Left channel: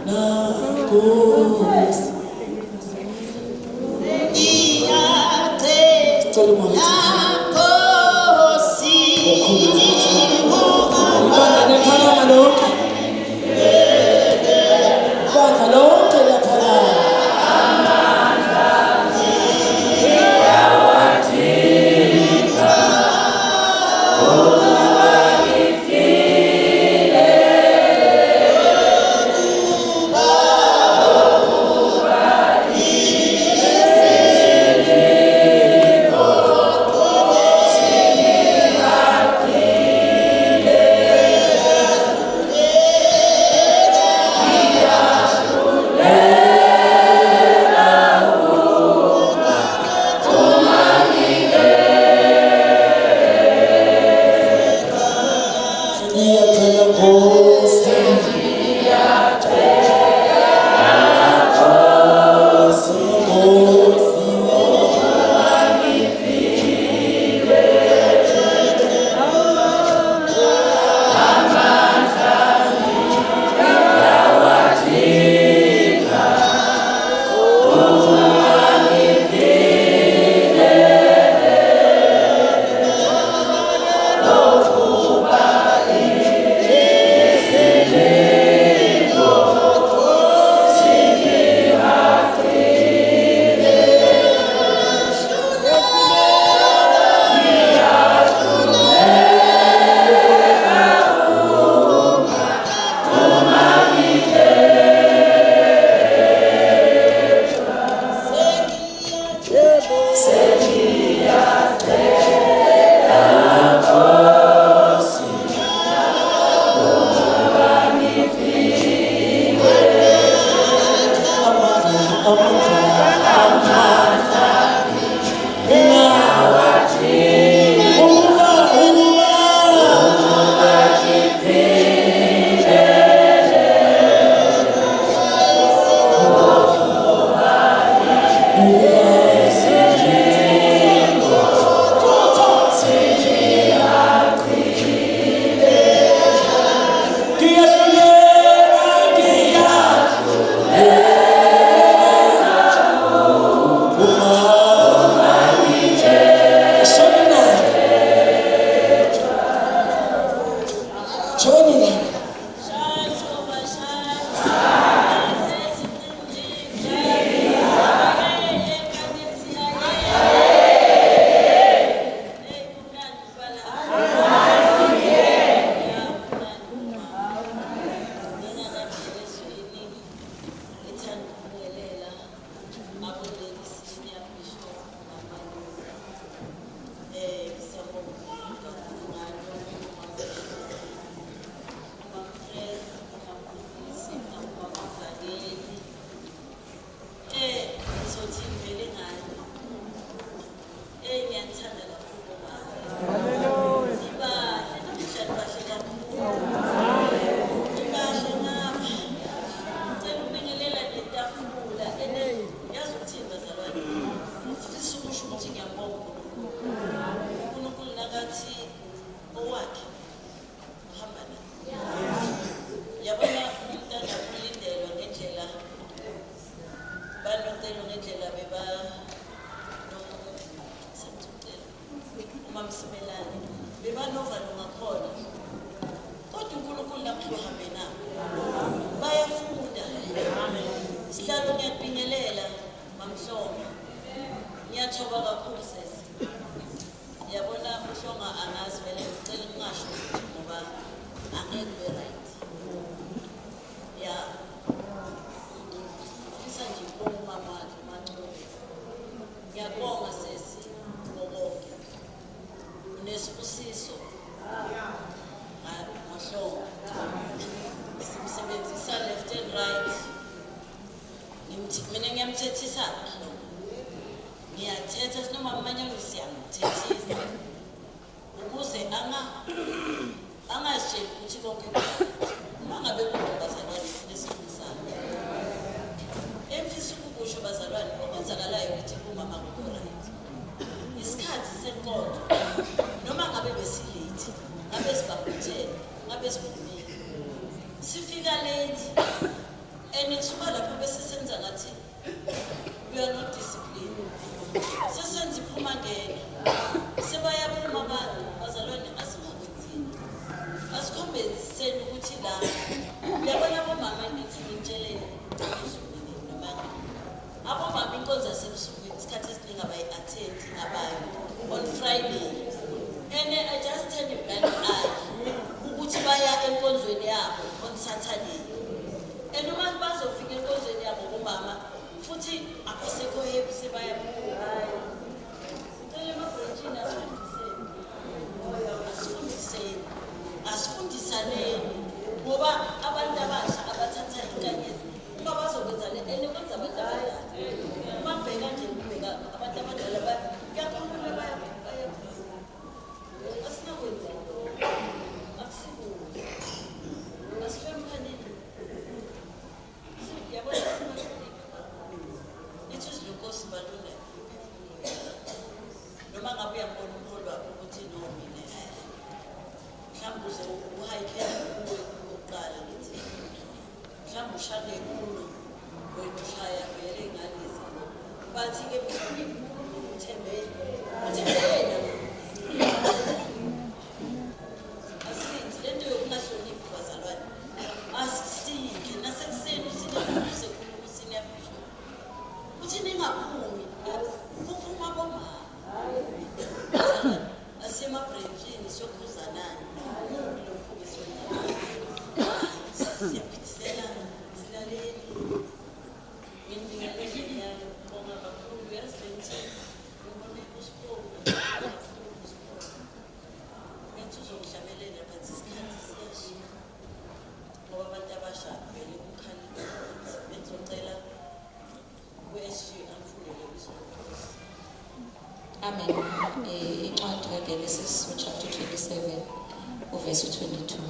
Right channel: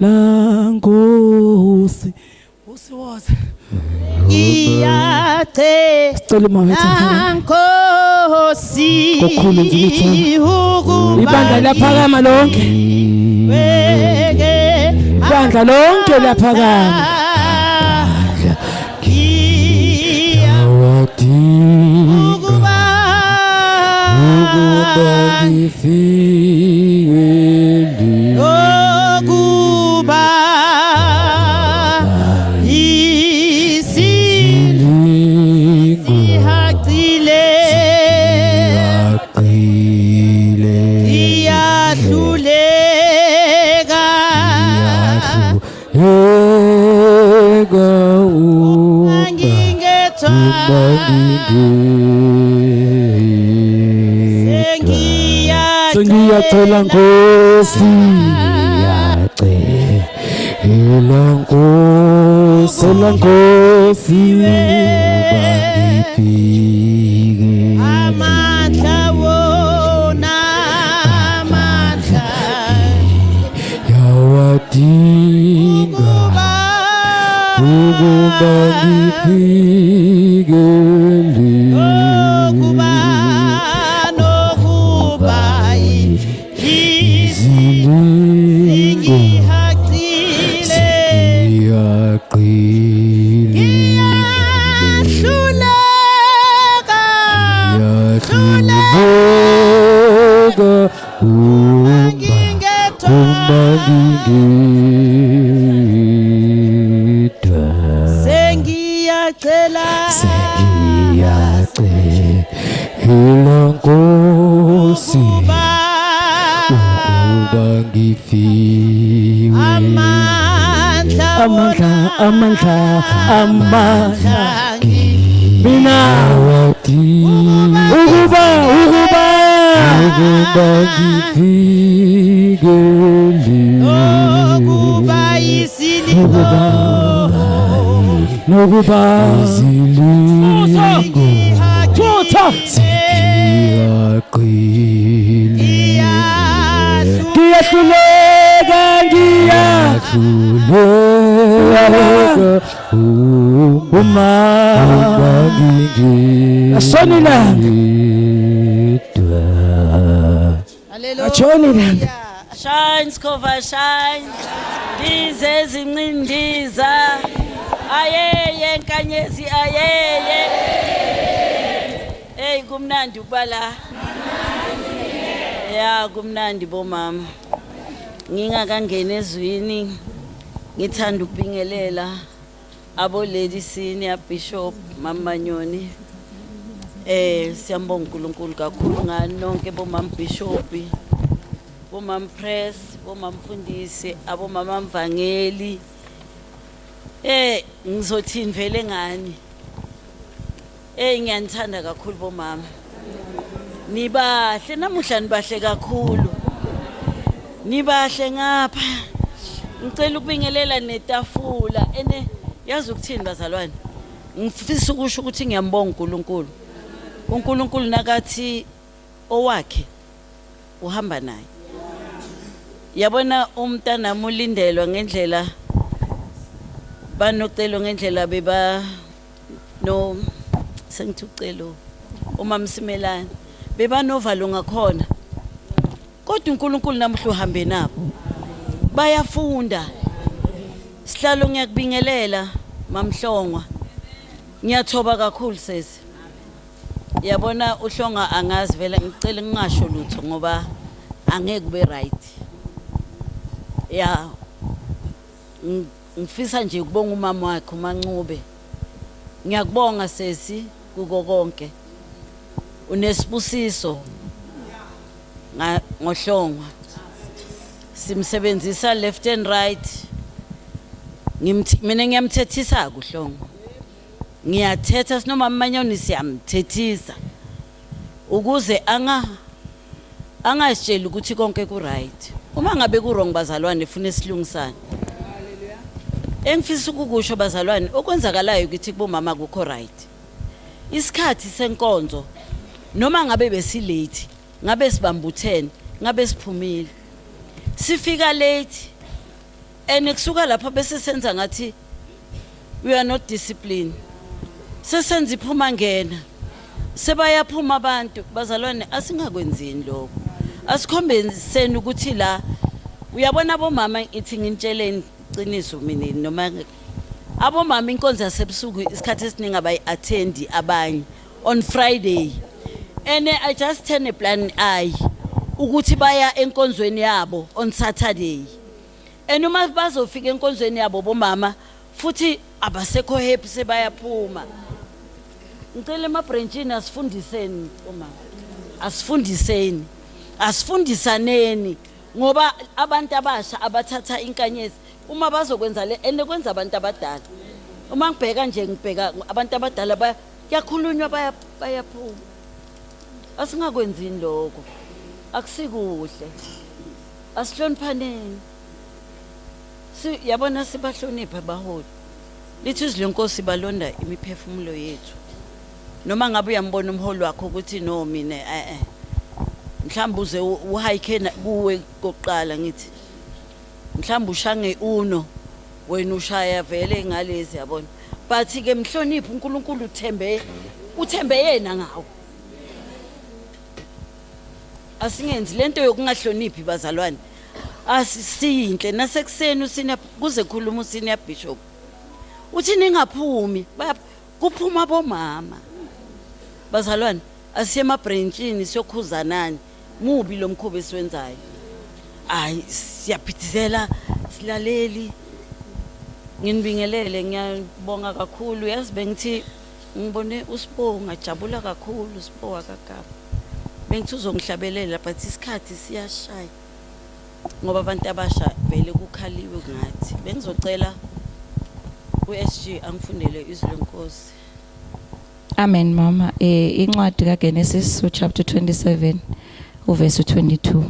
Nankosi iyate nankosi ibandla laphakama lonke ibandla lonke laphakama Shines cover shines izezincindiza ayeye nkanyezi ayeye hey kumnandi ukubala ya kumnandi bomama ngingakangena ezwini ngithanda ukubingelela abo lady senior bishop Mamanyoni siyambonga uNkulunkulu kakhulu ngani nonke bomama bishop bomama press bomama mfundisi abomama mvangeli ngizothini vele ngani ngiyanithanda kakhulu bomama nibahle namuhla nibahle kakhulu nibahle ngapha ngicela ukubingelela netafula yazi ukuthini bazalwane ngifisa ukusho ukuthi ngiyambonga uNkulunkulu nakathi owakhe uhamba naye yabona umntana ulindelwa ngendlela banocelo ngendlela beba no sengithi ucelo uMamsimelane beba novalo ngakhona kodwa uNkulunkulu namhla uhambe nabo bayafunda sihlalo ngiyakubingelela mamhlongwa ngiyathoba kakhulu sesi yabona uhlonga angazi vela ngicela ngingasho lutho ngoba angeke kube right ya ngifisa nje ukubonga umama wakhe uMancube ngiyakubonga sesi kuko konke unesibusiso ngohlongwa simsebenzisa left and right mina ngiyamthethisa kuhlongwa ngiyathetha sinoma Manyoni siyamthethisa ukuze angasitsheli ukuthi konke ku right uma ngabe ku wrong bazalwane ufuna isilungisana engifisa ukukusho bazalwane okwenzakalayo ukuthi kubomama kukho right isikhathi senkonzo noma ngabe besilate ngabe sibambuthene ngabe siphumile sifika late kusuka lapha bese senza ngathi we are not disciplined. Sesenza iphuma ngena. Sebayaphuma abantu bazalwane asingakwenzini lokho. Asikhombiseni ukuthi la uyabona abomama ithi ngitsheleni qiniso mina noma abomama inkonzo yasebusuku isikhathi esiningi abayi-attend abanye on Friday. I just turn a blind eye ukuthi baya enkonzweni yabo on Saturday. Uma bazofika enkonzweni yabo bomama futhi abasekho happy sebayaphuma. Ngicela emabranchini asifundiseni bomama. Asifundisaneni ngoba abantu abasha abathatha inkanyezi uma bazokwenza le kwenza abantu abadala. Uma ngibheka nje ngibheka abantu abadala bayakhulunywa bayaphuma. Asingakwenzini lokho. Akusikuhle. Asihloniphaneni. Yabona sibahloniphe baholi. Lithi izwi lenkosi balonda imiphefumulo yethu. Noma ngabe uyambona umholi wakho ukuthi no mina mhlawumbe uze uhike kuwe kokuqala ngithi mhlawumbe ushange uno wena ushaya vele ngalezi yabona but ke mhloniphe uNkulunkulu uthembe yena ngawo. Asingenzi lento yokungahloniphi bazalwane. Asiyinhle nasekuseni kuze khuluma usenior bishop uthi ningaphumi kuphuma bomama bazalwane asiye emabranchini siyokhuzanani mubi lo mkhuba esiwenzayo. Siyaphithizela silaleli nginibingelele ngiyabonga kakhulu yazi bengithi ngibone uSipho ngajabula kakhulu uSipho wakagaba bengithi uzongihlabelela but isikhathi siyashaya ngoba abantu abasha vele kukhaliwe ngathi bengizocela uSG angifundele izwi lenkosi. Amen mama. Incwadi kaGenesis chapter 27 uverse 22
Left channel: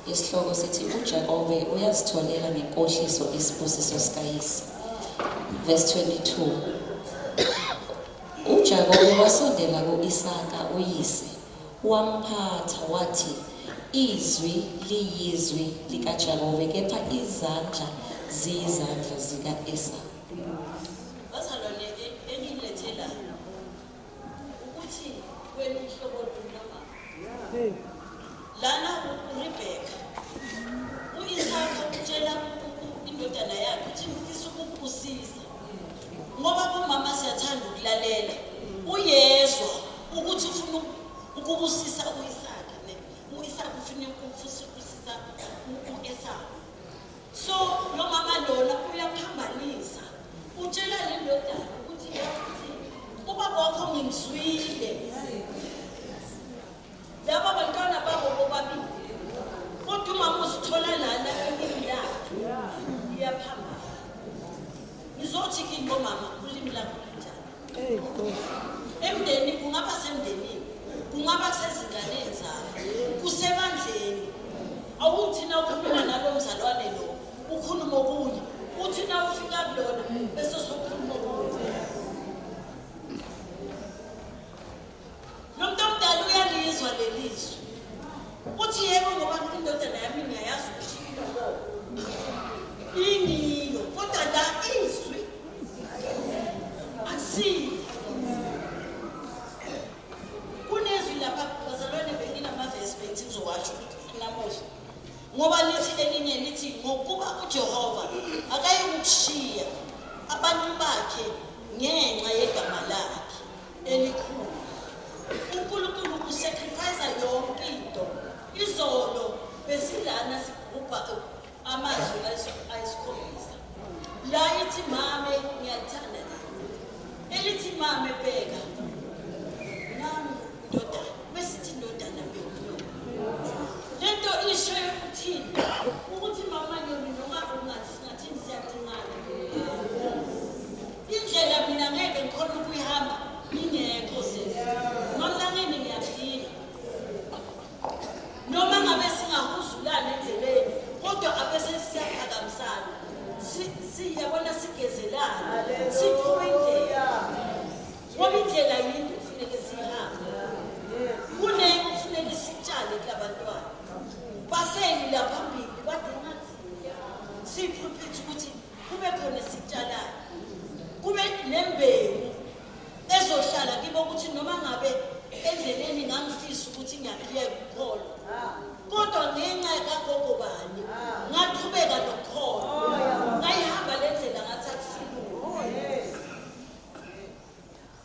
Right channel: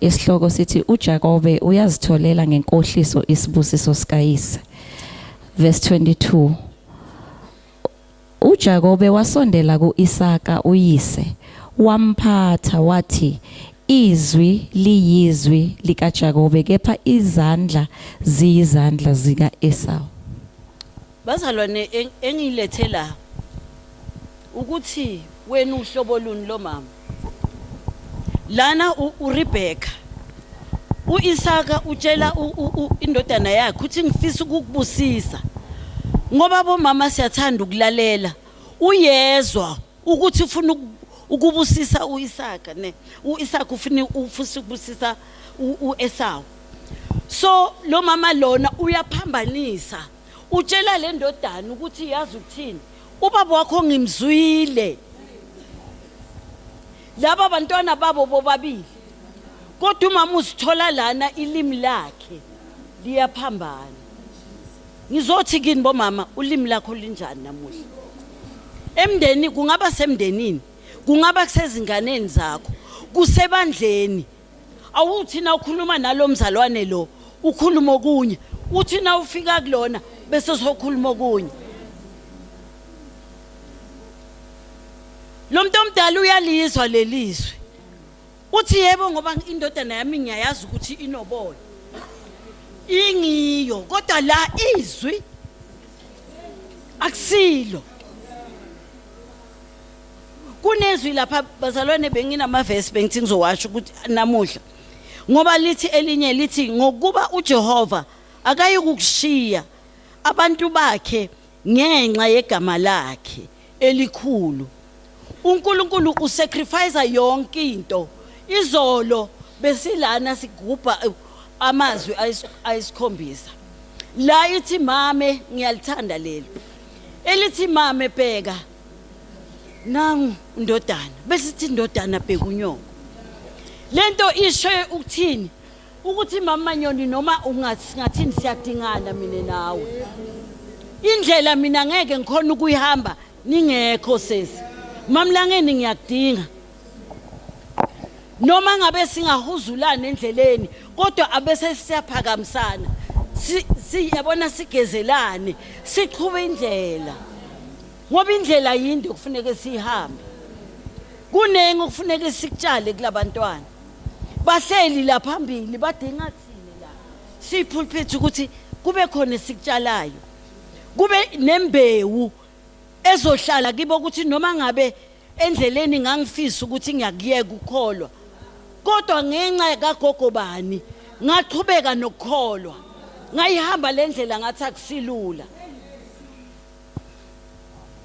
isihloko sithi uJakobe uyazitholela ngenkohliso isibusiso sikayise. Verse 22 uJakobe wasondela kuIsaka uyise wamphatha wathi izwi liyizwi likaJakobe kepha izandla ziyizandla zikaEsau. Bazalwane engilethela ukuthi wena uhlobo luni lo mama lana uRebecca uIsaka utshela indodana yakhe ukuthi ngifisa ukukubusisa ngoba bomama siyathanda ukulalela uyezwa ukuthi ufuna ukubusisa uIsaka uIsaka ufuna ukubusisa uEsau. So lo mama lona uyaphambanisa utshela le ndodana ukuthi yazi uthini ubaba wakho ngimzwile laba bantwana babo bobabili kodwa umama usithola lana ilimi lakhe liyaphambana. Ngizothi kini bomama ulimi lakho linjani namuhla emndeni kungaba semndenini kungaba kusezinganeni zakho kusebandleni awuthi na ukhuluma nalo mzalwane lo ukhuluma okunye uthi na ufika kulona bese uzokhuluma okunye. Lo muntu omdala uyalizwa lelizwe uthi yebo ngoba indodana yami ngiyayazi ukuthi inobola ingiyo kodwa la izwi akusilo. Kunezwi lapha bazalwane benginamavesi bengithi ngizowasho ukuthi namuhla ngoba lithi elinye lithi ngokuba uJehova akayikukushiya abantu bakhe ngenxa yegama lakhe elikhulu. uNkulunkulu usacrifice yonke into. Izolo besilana sigubha amazwi ayisikhombisa la ithi mame ngiyalithanda leli elithi mame bheka nangu indodana besithi indodana bheka unyoko. Lento isho ukuthini ukuthi mama Nyoni noma ungathini siyadingana mina nawe indlela mina ngeke ngikhona ukuyihamba ningekho sesi mamlangeni ngiyadinga noma ngabe singahuzulana endleleni kodwa abese siyaphakamisana siyabona sigezelane siqhube indlela ngoba indlela yinde kufuneka sihambe kunengi kufuneka sikutshale kulabantwana bahleli la phambili badinga siyipulpit ukuthi kube khona sikutshalayo kube nembewu ezohlala kibo ukuthi noma ngabe endleleni ngangifisa ukuthi ngiyakuyeka ukukholo kodwa ngenxa kagogo bani ngaqhubeka nokukholo ngayihamba lendlela ngathi akusilula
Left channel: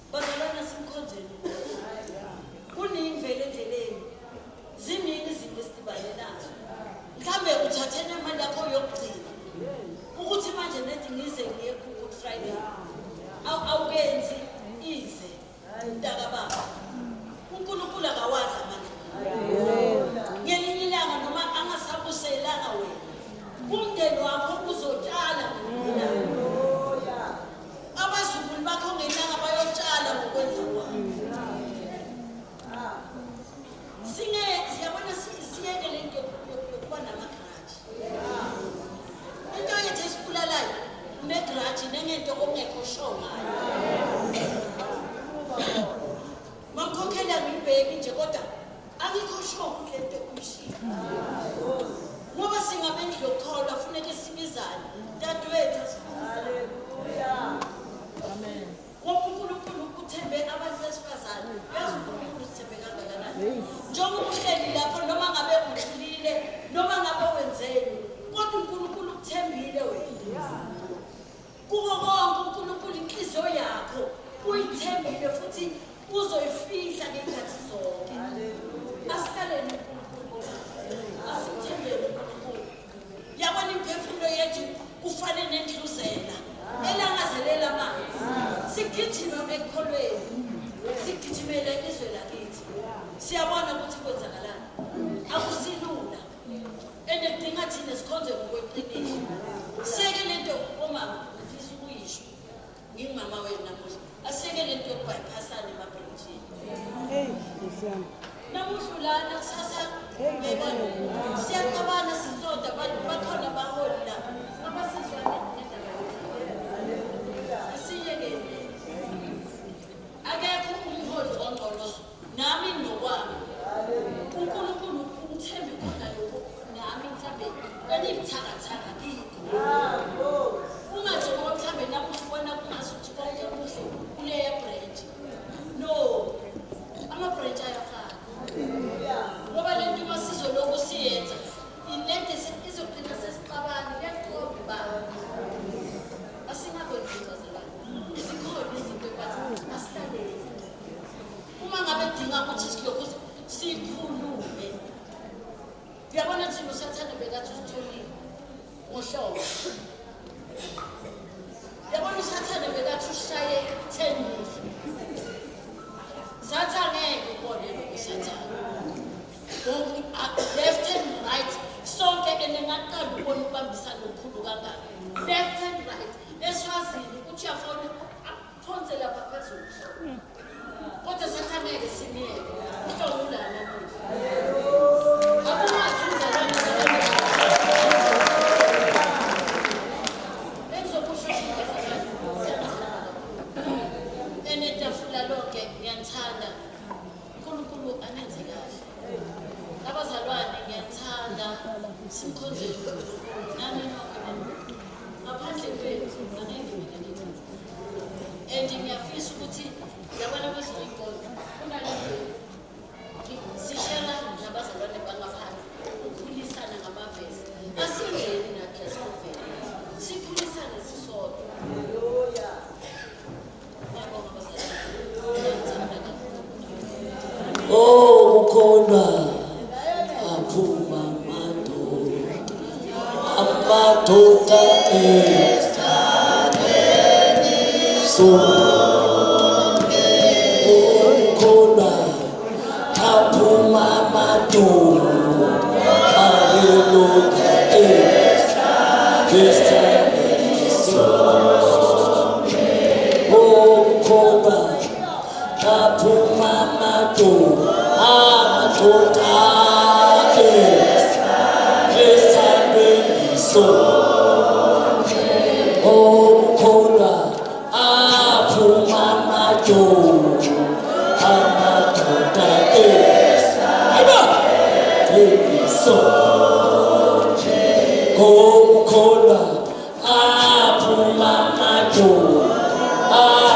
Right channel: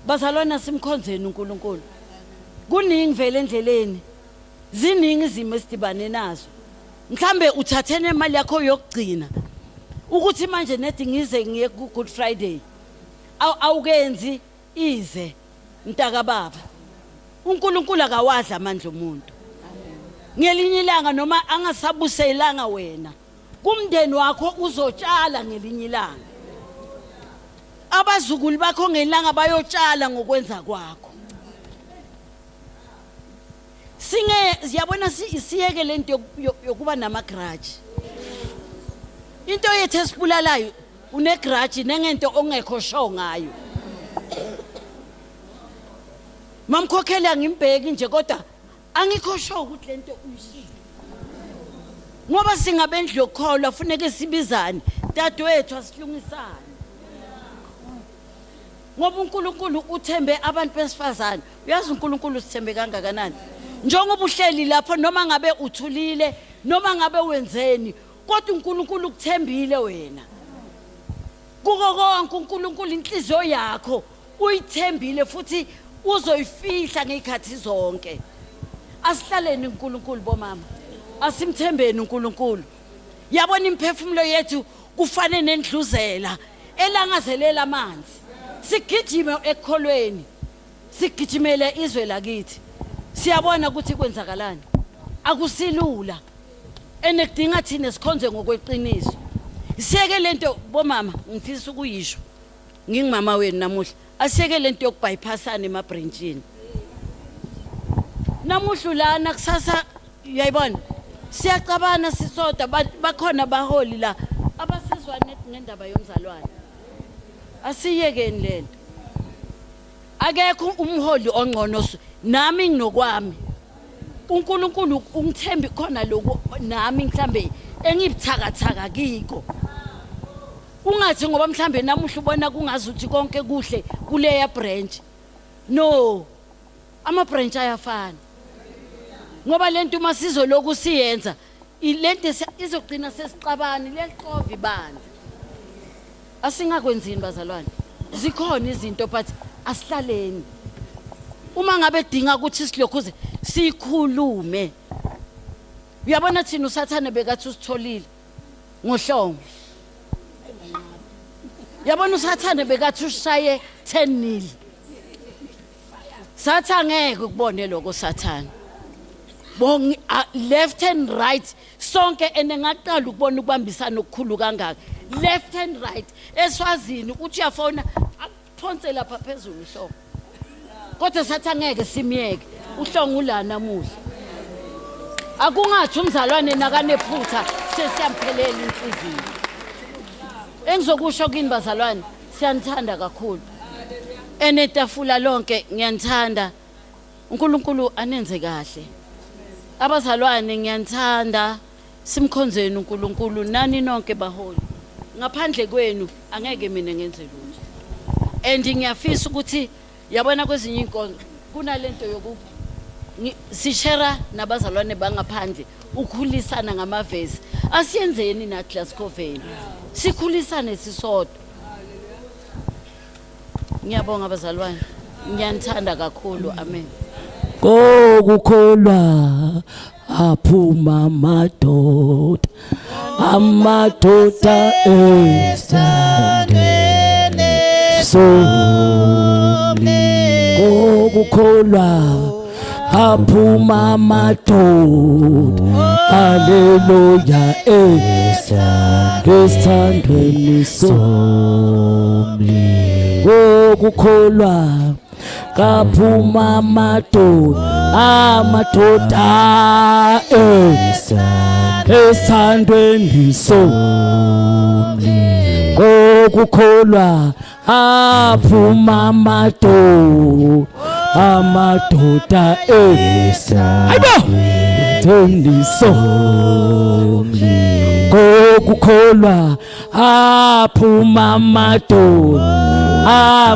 bazalwana simkhonzeni uNkulunkulu kuningi vele endleleni ziningi izimo esidibane nazo mhlambe uthathene imali yakho yokugcina ukuthi manje nethi ngize ngiye ku Good Friday awukenzi ize mntaka baba uNkulunkulu akawadla amandla omuntu ngelinye ilanga noma angasabuselanga wena kumndeni wakho uzotshala ngelinye ilanga abazukulu bakho ngelanga bayotshala ngokwenza kwakho siyabona siyeke lento yokuba nama grudge into yethu esibulalayo une grudge nengento ongekho sho ngayo mamkhokhela ngimbheki nje kodwa angikho sho ukuthi lento uyishilo ngoba singabendlu yokholwa kufanele sibizane dadewethu asifungisane ngoba uNkulunkulu uthembe abantu besifazane uyazi uNkulunkulu sithembe kangakanani njengoba uhleli lapho noma ngabe uthulile noma ngabe wenzeni kodwa uNkulunkulu ukuthembile wena kuko konke uNkulunkulu inhliziyo yakho uyithembile futhi uzoyifihla ngezikhathi zonke asihlaleni uNkulunkulu bomama asimthembeni uNkulunkulu yabona imphefumulo yethu kufanele nendluzela elangazelela amanzi sigijime ekholweni sigijimele izwe lakithi siyabona ukuthi kwenzakalani akusilula enedinga thina sikhonze ngokweqiniso siyeke lento bomama ngifisa ukuyisho ngingimama wenu namuhla asiyeke lento yokubypassana emabranchini namuhla lana kusasa uyayibona siyacabana sisoda bakhona baholi la abasizwa nendaba yomzalwane asiyekeni lento akekho umholi ongcono nami nginokwami uNkulunkulu ungithembi khona lokho nami mhlambe engibuthakathaka kiko ungathi ngoba mhlambe namuhla ubona kungazuthi konke kuhle kuleya branch no ama branch ayafana ngoba lento masizo lokhu siyenza ilento izogcina sesiqabani leqovi bani asingakwenzi imbazalwane zikhona izinto but asihlaleni uma ngabe dinga ukuthi silokhuze sikhulume uyabona thina usathane bekathi usitholile ngohlongo yabona usathane bekathi ushaye 10 mil sathangeke ukubone lokho sathane bongi left and right sonke enengaqala ukubona ukubambisana okukhulu kangaka left and right eswazini uthi uyafona aphonse lapha phezulu hloko kodwa sathangeke simiyeke uhlongo la namuhla akungathi umzalwane nakanephutha sesiyamthelela impilo engizokusho kini bazalwane siyanthanda kakhulu enetafula lonke ngiyanthanda uNkulunkulu anenze kahle abazalwane ngiyanthanda simkhonzeni uNkulunkulu nani nonke baholi ngaphandle kwenu angeke mina ngenze lutho and ngiyafisa ukuthi yabona kwezinye inkonzo kunalento yoku sishera nabazalwane bangaphandle ukhulisana ngamavezi asiyenzeni na Glasgow sikhulisane sisodwa ngiyabonga abazalwane ngiyanthanda kakhulu amen kokukholwa aphuma amadoda esandeni kokukholwa aphuma amadoda haleluya esandeni kokukholwa kaphuma amadoda esandweni kokukholwa aphuma amadoda esandeni kukholwa aphuma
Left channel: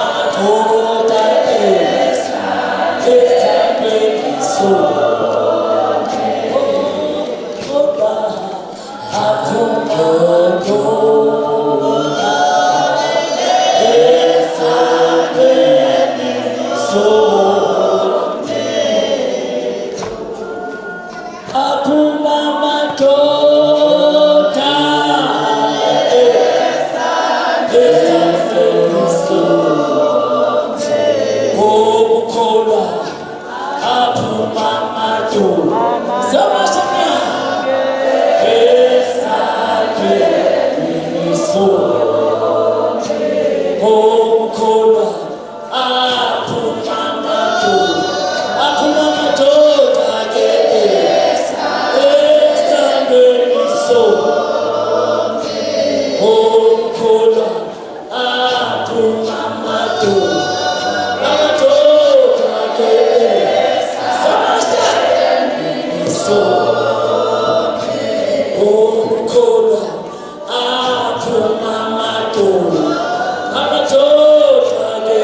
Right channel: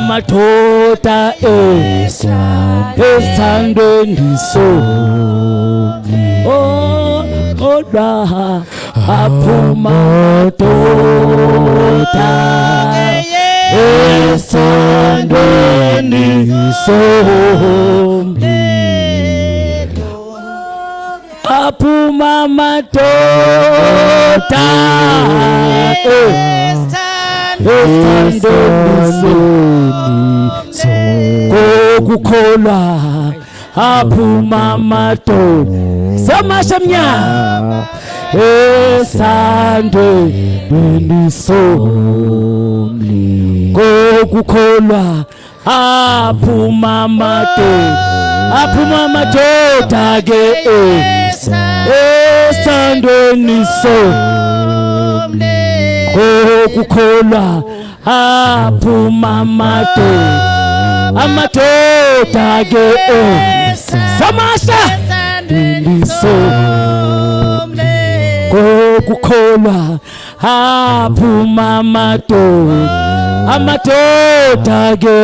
amadoda esithandweni kodwa aphuma amadoda esithandweni aphuma amadoda okukholwa aphuma amadoda samashamnya esithandweni kokukholwa aphuma amadoda ke esithandweni kokukholwa aphuma amadoda ke samasha kokukholwa aphuma amadoda ke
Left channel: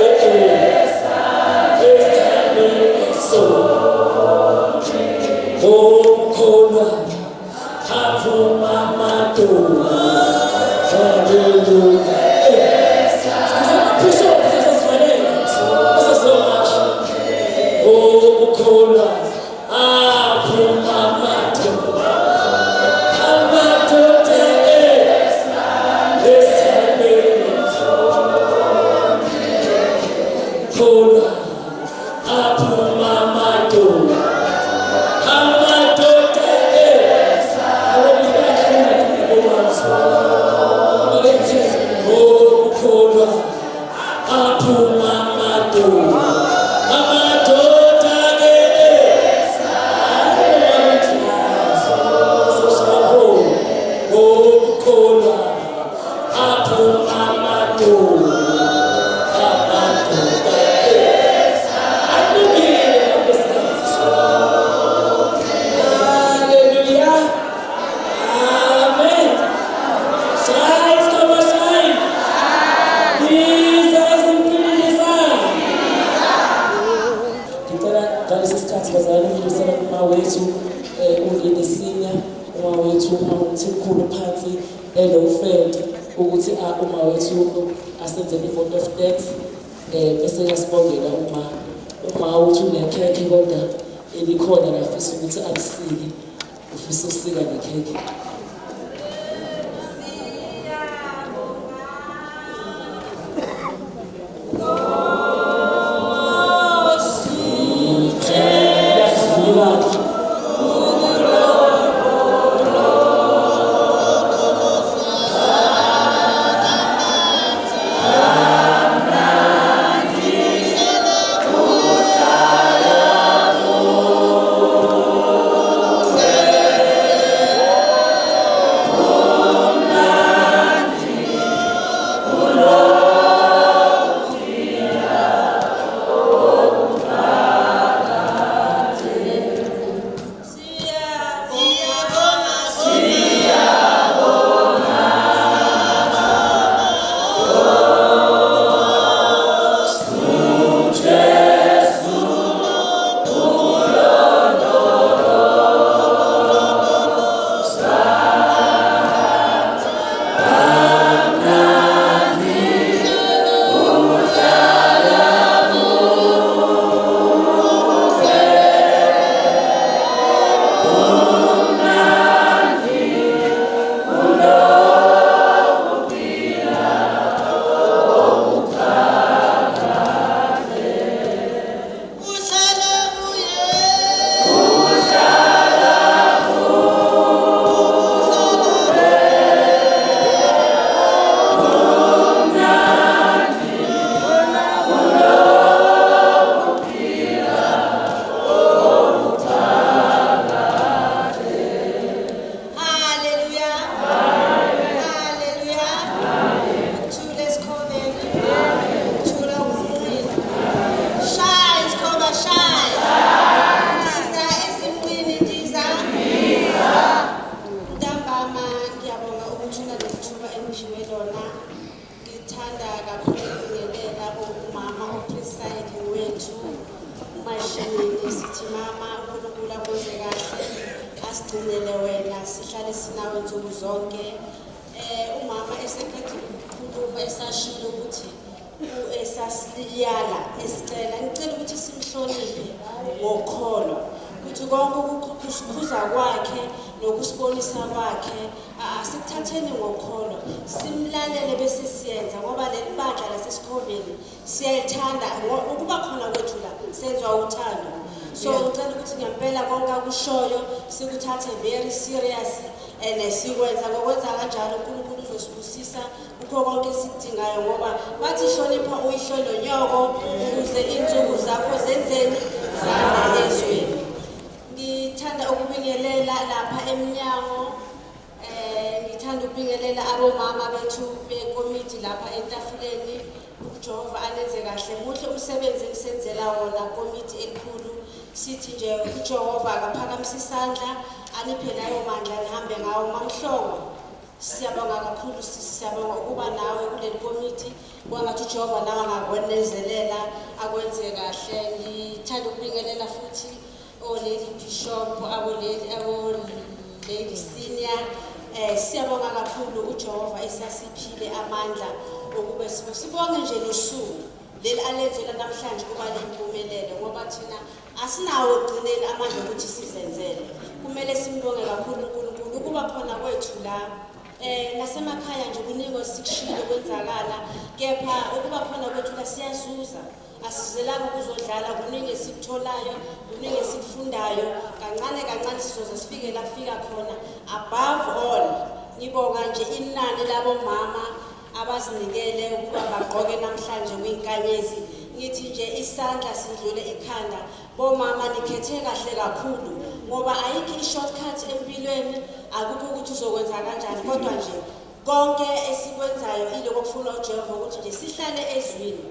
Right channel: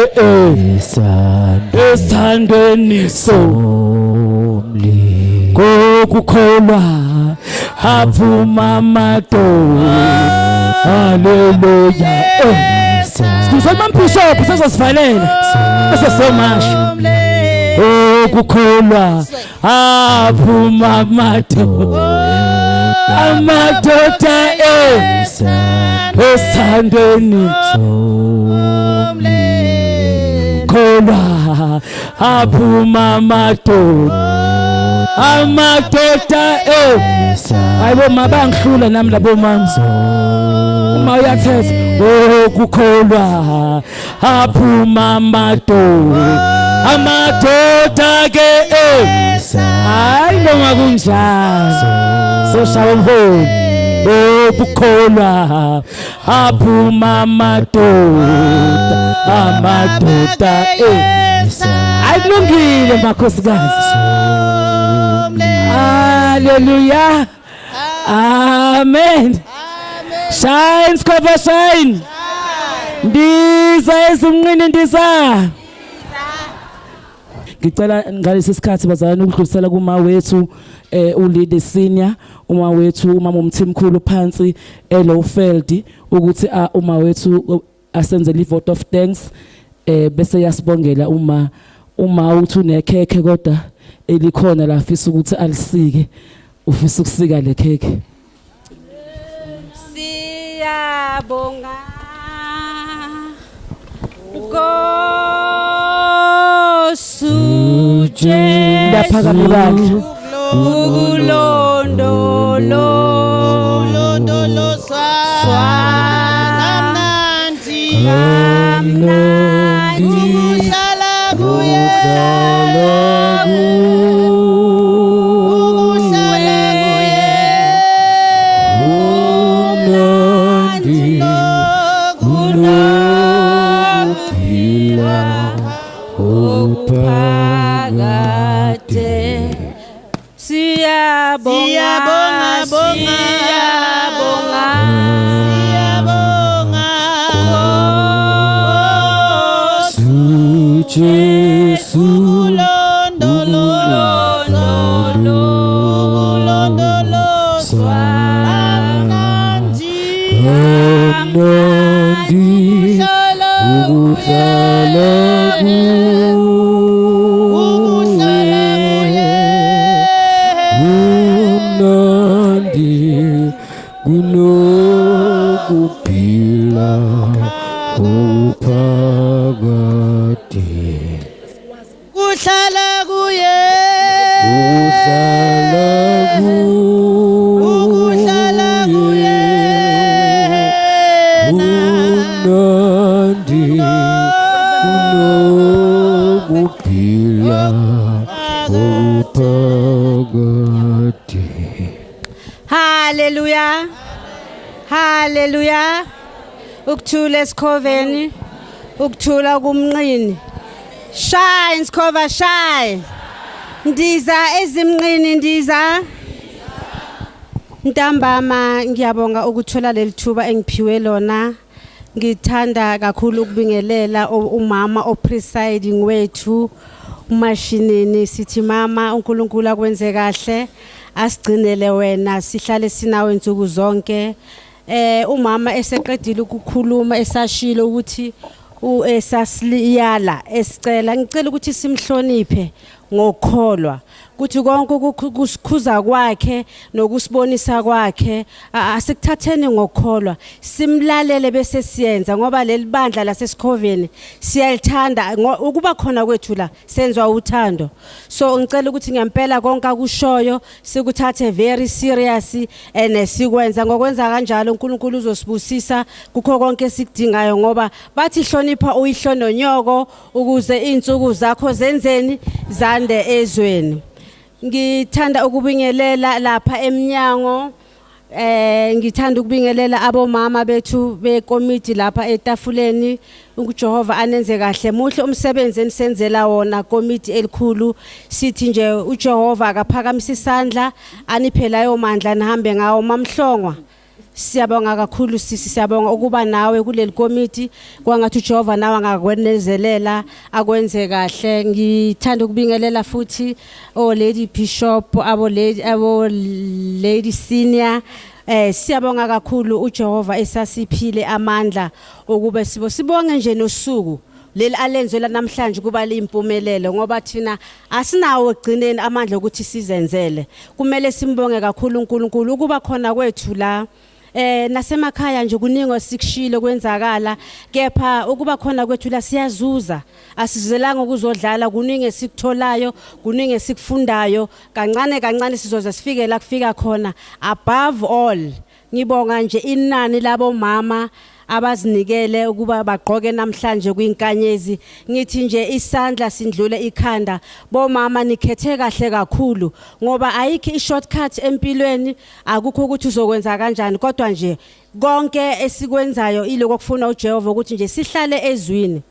esithandweni kokukholwa aphuma amadoda. Hallelujah. Sisamaphusha sesivalela asesemasha okukholwa aphuma amadoda esithandweni kholwa aphuma amadoda ayibo mabangihlula nami labo manzi uma uyathetha okukholwa aphuma amadoda ke hayi noma kunjalo seshawa mholo okukholwa aphuma amadoda akulungile makhosikazi. Hallelujah. Amen. Shine, Scoba, shine. Ndiza ezimnqini ndiza. Ngicela ngalesi sikhathi bazalwane ukudlulisela kuma wethu uLinde Senior, uma wethu umama umthimkhulu phansi eLowfield ukuthi uma wethu asenzele ivote of thanks bese yasibongela uma uthi unekhekhe kodwa elikhona la afisa ukuthi alisike ufisa ukusika lekhekhe. Siyabonga Nkosuje Ndaphakathi Hallelujah. Hallelujah. Ukuthula esikhoveni, ukuthula kumnqini. Shine Sikhova shine. Ndiza ezimnqini ndiza. Ntambama ngiyabonga ukuthola lelithuba engiphiwe lona. Ngithanda kakhulu ukubingelela umama opresiding wethu umashinini sithi mama uNkulunkulu akwenze kahle asigcinele wena sihlale sinawe insuku zonke. Umama eseqedile ukukhuluma esashilo ukuthi esasiliyala esicela ngicela ukuthi simhloniphe ngokholwa kuthi konke ukusikhuza kwakhe nokusibonisa kwakhe asikuthatheni ngokholwa simlalele bese siyenza ngoba leli bandla laseSikoveni siyalithanda ukuba khona kwethu la senzwa uthando. So ngicela ukuthi ngempela konke akushoyo sikuthathe very serious sikwenza ngokwenza kanjalo uNkulunkulu uzosibusisa kukho konke esidingayo ngoba bathi hlonipha uyihlononyoko ukuze insuku zakho zenzeni zande ezweni. Ngithanda ukubingelela lapha eminyango ngithanda ukubingelela abomama bethu bekomiti lapha etafuleni uJehova anenze kahle muhle umsebenzi enisenzela wona komiti elikhulu sithi nje uJehova akaphakamisa isandla aniphe layo mandla nihambe ngawo mamhlongwa. Siyabonga kakhulu sisi siyabonga ukuba nawe kuleli komiti kwangathi uJehova nawe angakwenezelela akwenze kahle. Ngithanda ukubingelela futhi Lady Bishop Lady Senior siyabonga kakhulu uJehova esasiphile amandla ukube sibonge nje nosuku leli alenzela namhlanje kuba limpumelelo ngoba thina asinawo egcineni amandla ukuthi sizenzele kumele simbonge kakhulu uNkulunkulu ukuba khona kwethu la nasemakhaya nje kuningi sikushilo kwenzakala kepha ukuba khona kwethu la siyazuza asizelanga ukuzodlala kuningi esikutholayo kuningi esikufundayo kancane sizoze sifike la kufika khona. Above all ngibonga nje inani labo mama abazinikele ukuba bagqoke namhlanje kwinkanyezi ngithi nje isandla sindlule ikhanda bomama nikhethe kahle kakhulu ngoba ayikho ishortcut empilweni akukho ukuthi uzokwenza kanjani kodwa nje konke esikwenzayo iloko okufuna uJehova ukuthi nje sihlale ezwini.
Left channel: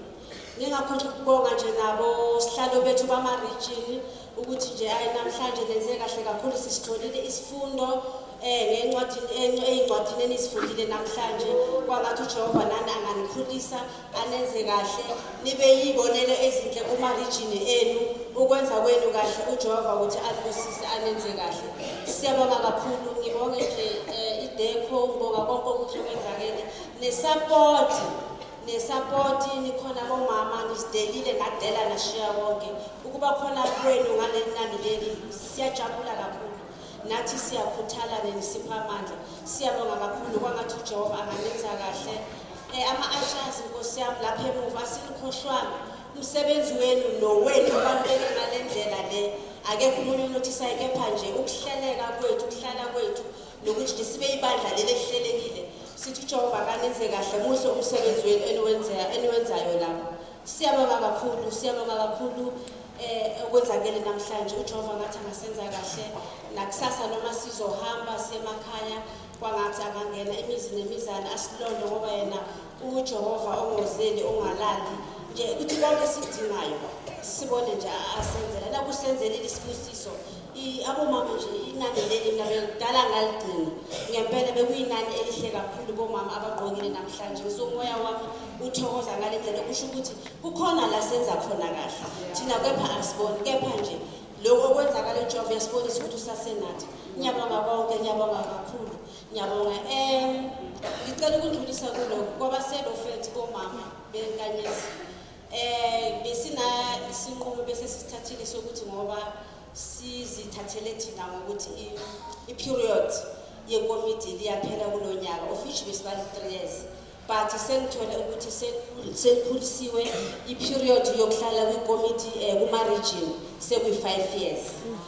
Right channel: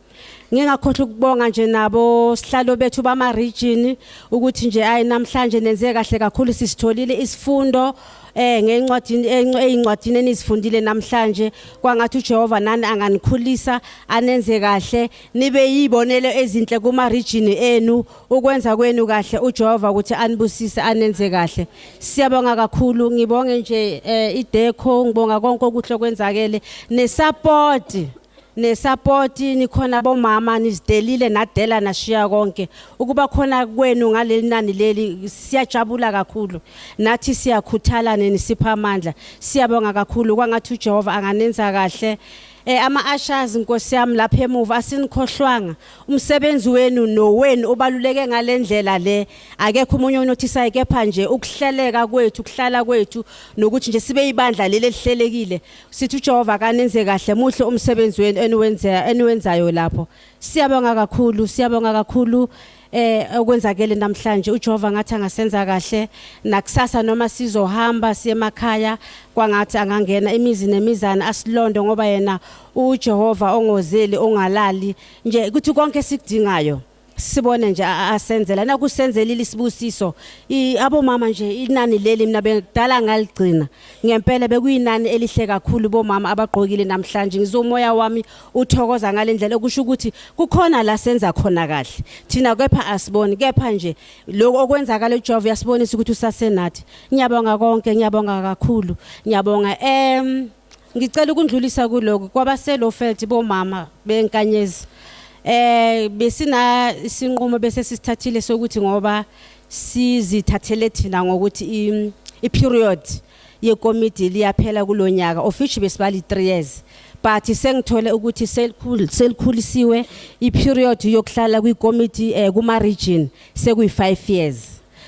Ngingakhohle ukubonga nje nabo sihlalo bethu bama region ukuthi nje ayi namhlanje nenze kahle kakhulu sisitholile isifundo ngeencwadini enizifundile namhlanje kwangathi uJehova nani anganikhulisa anenze kahle nibe yibonelo ezinhle kuma region enu ukwenza kwenu kahle uJehova ukuthi anibusise anenze kahle. Siyabonga kakhulu ngibonge nje ideco ngibonga konke okuhle kwenzakele nesupport nikhona bomama nizidelile nadela nashiya konke ukuba khona kwenu ngalenani leli siyajabula kakhulu nathi siyakhuthala nisipha amandla siyabonga kakhulu kwangathi uJehova anganenza kahle. Ama ushers Nkosi yami lapha emuva asinikhohlwanga umsebenzi wenu nowenu ubaluleke ngalendlela le akekho umunye onothisayo kepha nje ukuhleleka kwethu ukuhlala kwethu nokuthi nje sibe ibandla leli elihlelekile sithi uJehova kanenze kahle muhle umsebenzi wenu eniwenzayo lapho. Siyabonga kakhulu okwenzakele namhlanje uJehova ngathi angasenza kahle nakusasa noma sizohamba siye emakhaya kwangathi angangena imizi nemizana asilondo ngoba yena uJehova ongozeli ongalali nje ukuthi konke sidingayo sibone nje asenzela nakusenzelile isibusiso abomama nje inani leli mina bekudala ngaligcina ngempela bekuyinani elihle kakhulu bomama abagqokile namhlanje ngizomoya wami uthokoza ngalendlela okusho ukuthi kukhona la senza khona kahle thina kepha asiboni kepha nje lo okwenzakala uJehova yasibonisa ukuthi usasenathi. Ngiyabonga konke ngiyabonga kakhulu ngiyabonga ngicela ukundlulisa kuloko kwabaselofelt bomama benkanyezi besina isinqumo bese sisithathile sokuthi ngoba sizithathele thina ngokuthi i-period yekomiti liyaphela kulonyaka officially besibali 3 years but sengithole ukuthi selikhulisiwe i-period yokuhlala kwikomiti kuma region sekuyi 5 years.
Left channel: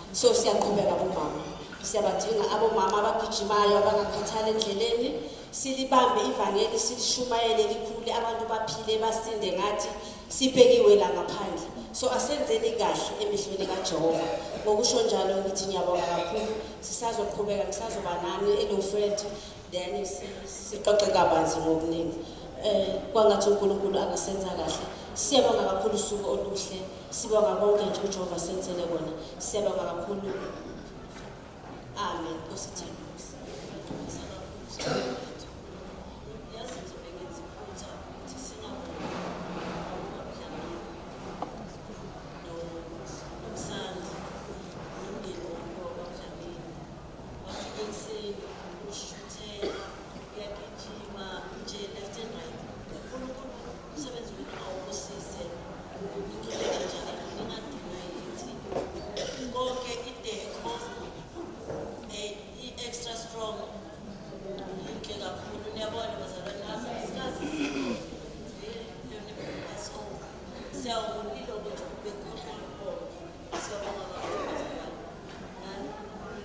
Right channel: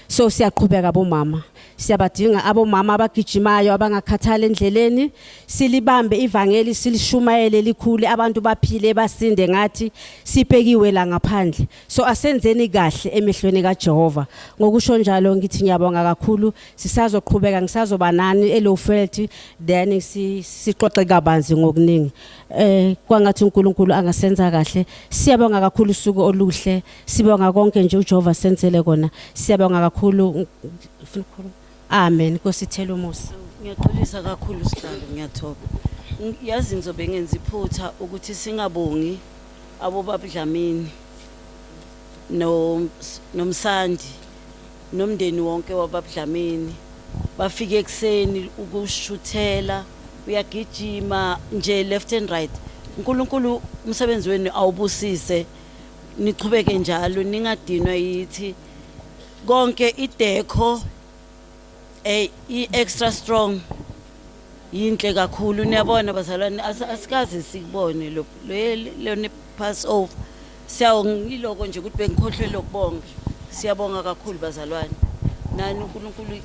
So siyaqhubeka bomama siyabadinga abomama abagijimayo abangakhathala endleleni silibambe ivangeli silishumayele likhulu abantu baphile basinde ngathi sibhekiwe la ngaphandle. So asenzeni kahle emehlweni kaJehova ngokusho njalo ngithi ngiyabonga kakhulu sisazoqhubeka ngisazoba nani elofelt then siqoxe kabanzi ngokuningi kwangathi uNkulunkulu angasenza kahle. Siyabonga kakhulu usuku oluhle sibonga konke nje uJehova senzele kona siyabonga kakhulu. Amen. Nkosi thela umusa. Ngiyaxolisa kakhulu Sithando, ngiyathoba. Yazi ngizobe ngenza iphutha ukuthi singabongi abobaba Dlamini nomsandi nomndeni wonke wababa Dlamini. Bafike ekseni ukushuthela, uyagijima nje left and right. uNkulunkulu umsebenzi wenu awubusise, niqhubeke njalo ningadinwa yithi. Konke idekho i-extra strong yinhle kakhulu, niyabona bazalwane, asikaze sibone lo ne pass over. Siyawongiloko nje ukuthi bengikhohlwe lokubonga. Siyabonga kakhulu bazalwane. Nani uNkulunkulu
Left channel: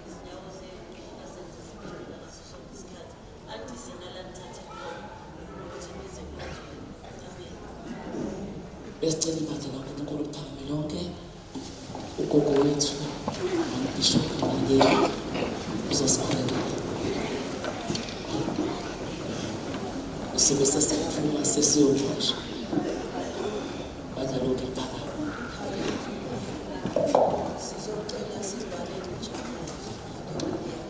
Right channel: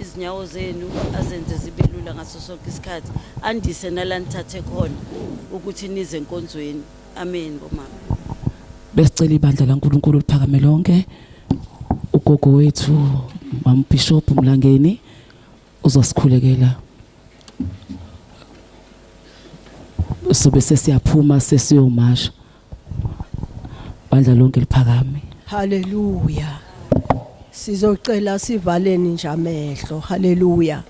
izinyawo zenu azenze zibe lula ngaso sonke isikhathi, andise nalanithathe khona ukuthi nize enkonzweni. Amen bomama. Besicela ibandla laNkulunkulu liphakame lonke. Ugogo wethu uMbishop Mlangeni uzosikhulekela. Sobe sesiyaphuma sesiyomasha. Bandla lonke liphakame. Hallelujah. Sizocela sivaleni nje amehlo. Hallelujah.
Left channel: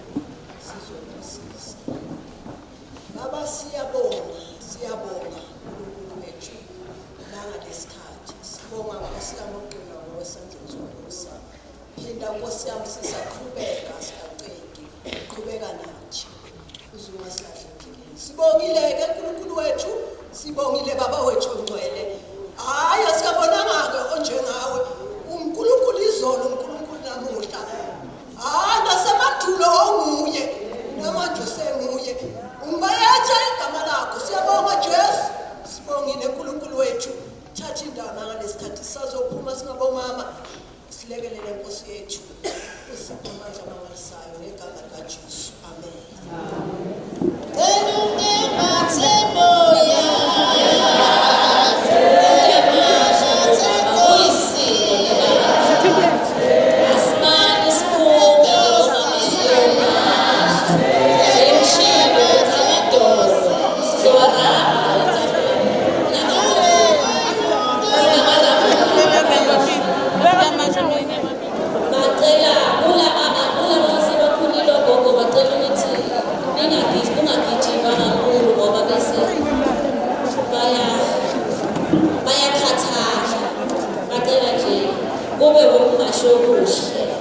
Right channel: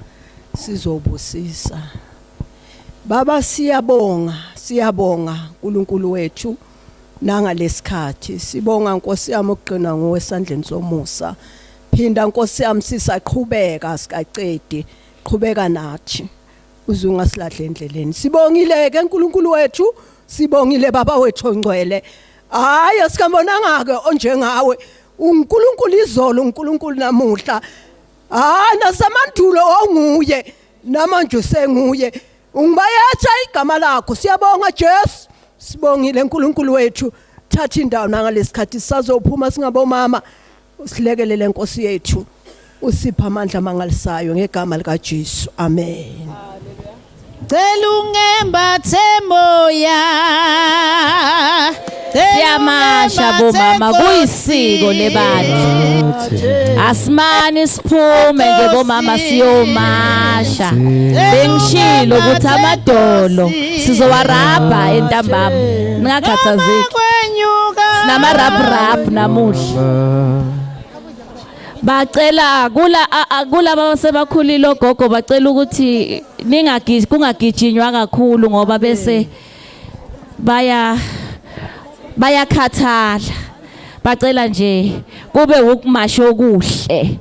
Sizobusisa. Baba siyabonga uNkulunkulu wethu nangalesikhathi. Sibonga Nkosi yami ukugcina ngowesandleni somusa. Phinda Nkosi yami sisaqhubeka sikacedi. Qhubeka nathi. Uzungasilahle endleleni. Sibongile ke uNkulunkulu wethu, sibongile baba wethu ongcwele. Hayi asikambonanga ke onjengawe. uNkulunkulu izolo, uNkulunkulu namuhla. Nasemadulo onguye, namanje usenguye. Ungibayetha igama lakho. Siyabonga Jesu. Sibongile uNkulunkulu wethu. Thatha indawo nangalesikhathi sisazophuma singabomama. Usilekelele Nkosi yethu. Usipha amandla mangalisayo ngegama lika Jesu. Amen. Celungembathe moya siyamasha bomama kuyisiko lebandla. Asimani siphume ngobomama siyomasha. Bengishilo ukuthi amadolo sizowarabha entambama. Ngakhathazeki. Namarabhu namuhla. Bacela kula basebakhulile ogogo bacela ukuthi kungagijinywa kakhulu ngoba bese bayakhathala. Bacela nje kube ukumasho okuhle.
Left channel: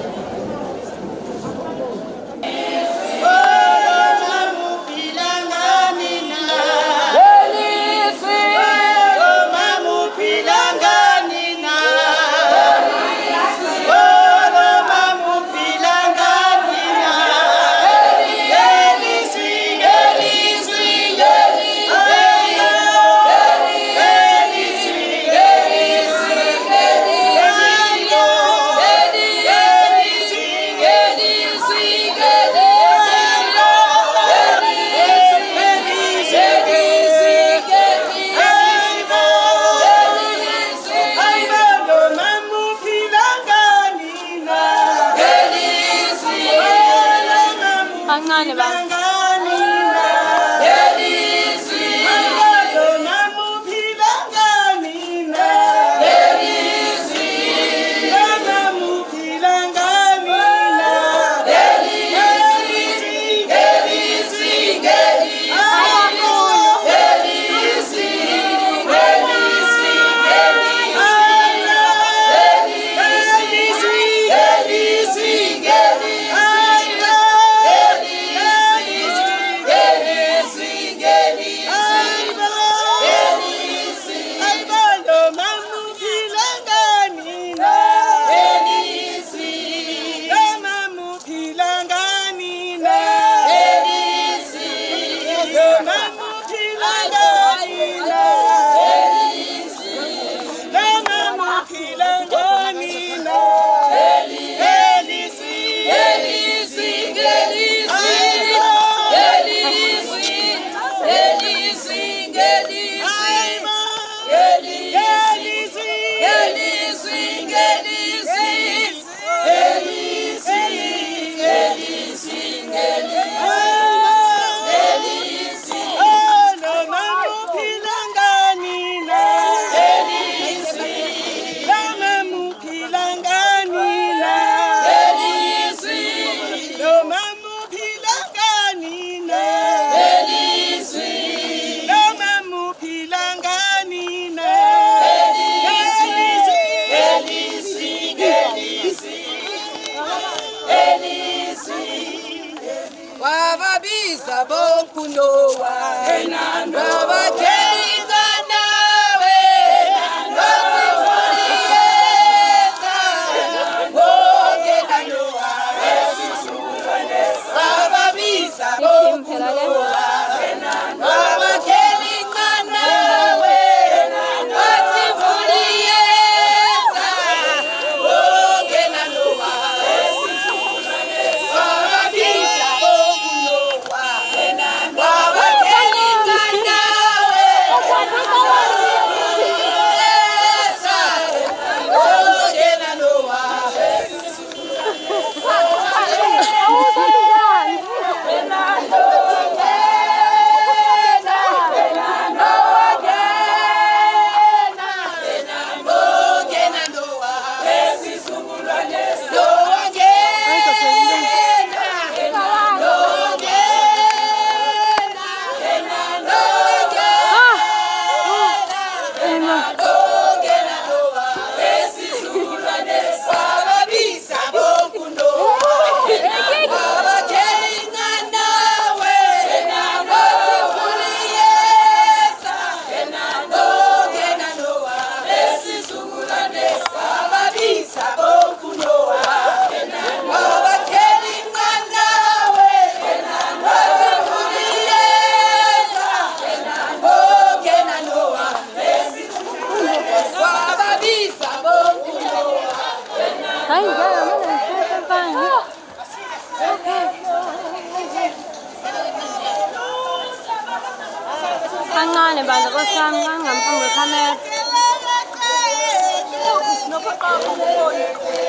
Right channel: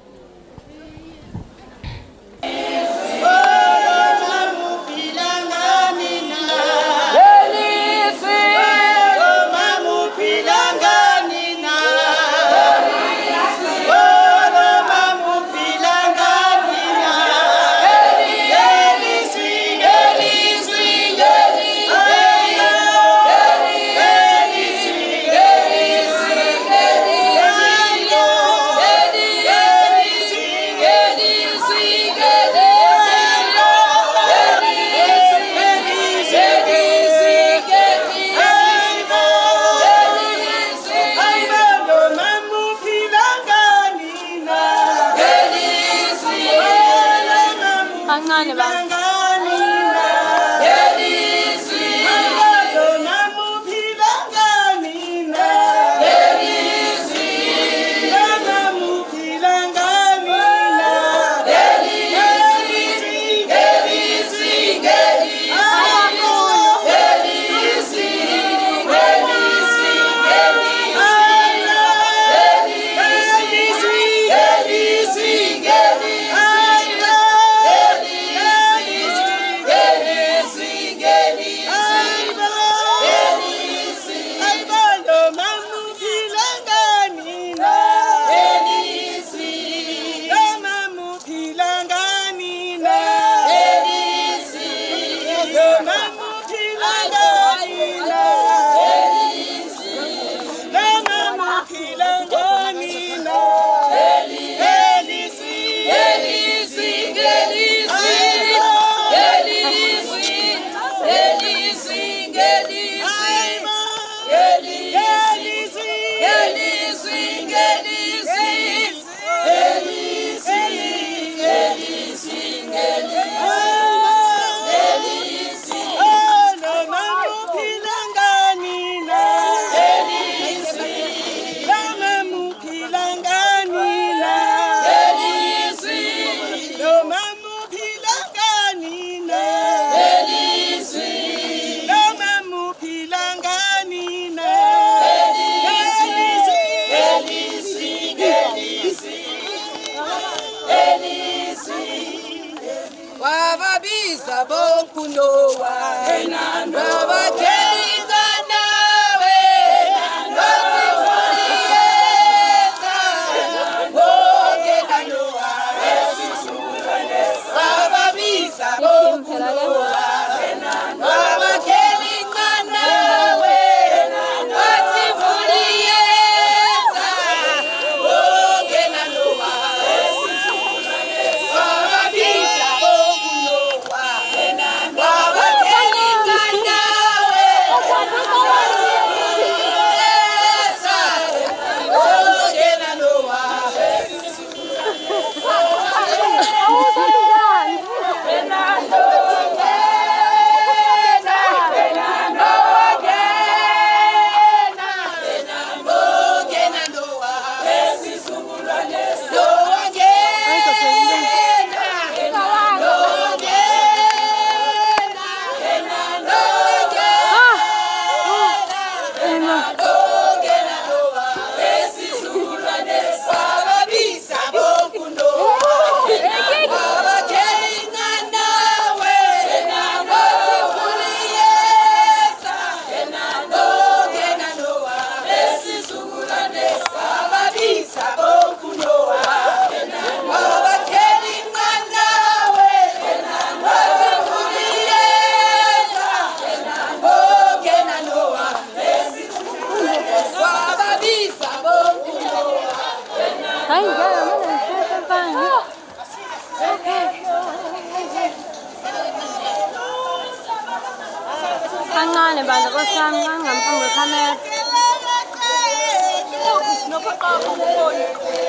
kancane bandla kwesami ngangaphambi kwekhamera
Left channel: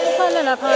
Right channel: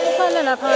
ukhale lapha